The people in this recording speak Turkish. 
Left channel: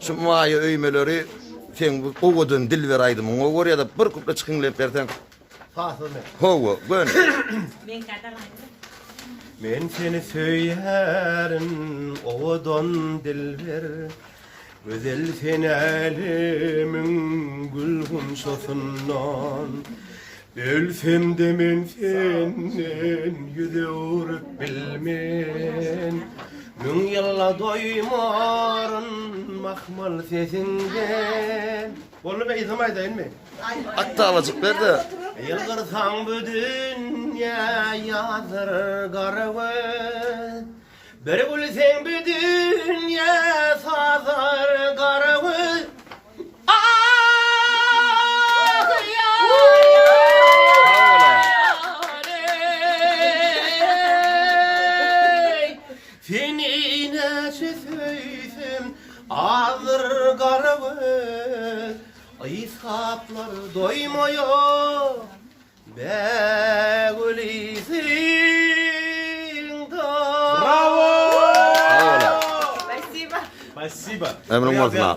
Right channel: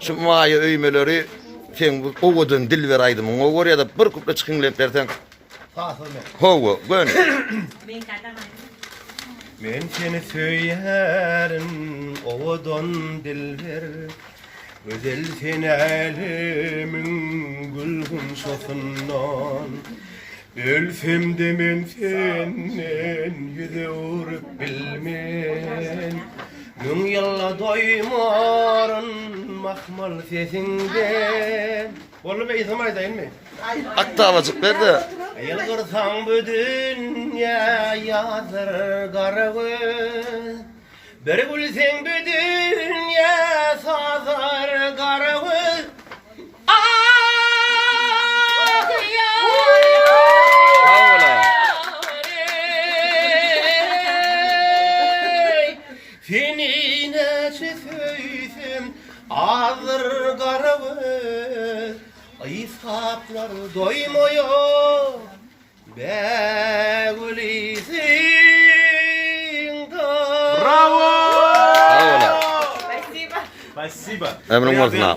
Şu maýa öýmeleri sen bu owadan dil beraýdym. O görýär da bir kupla çykyňlap bersen. Howa, gön. Men seni söylerim, ovadan dilber. Güzel seni elimin gülgün sosundan. Ölsem de men senden yüze uğrup bilmen. Nün yalla doymarın mahmal sesinden. Oğlum izlemay değil mi? Aktavacık berdi. Yılgırsam bu dünya yazır garıvı. Bir gülsen bu dünya sazır garıvı. Seni neçe söysem ağır garıvı. İsaplar doymuyor be gülisin da. Bravo! Sağ ol. Спасибо. Emrin olsun ha.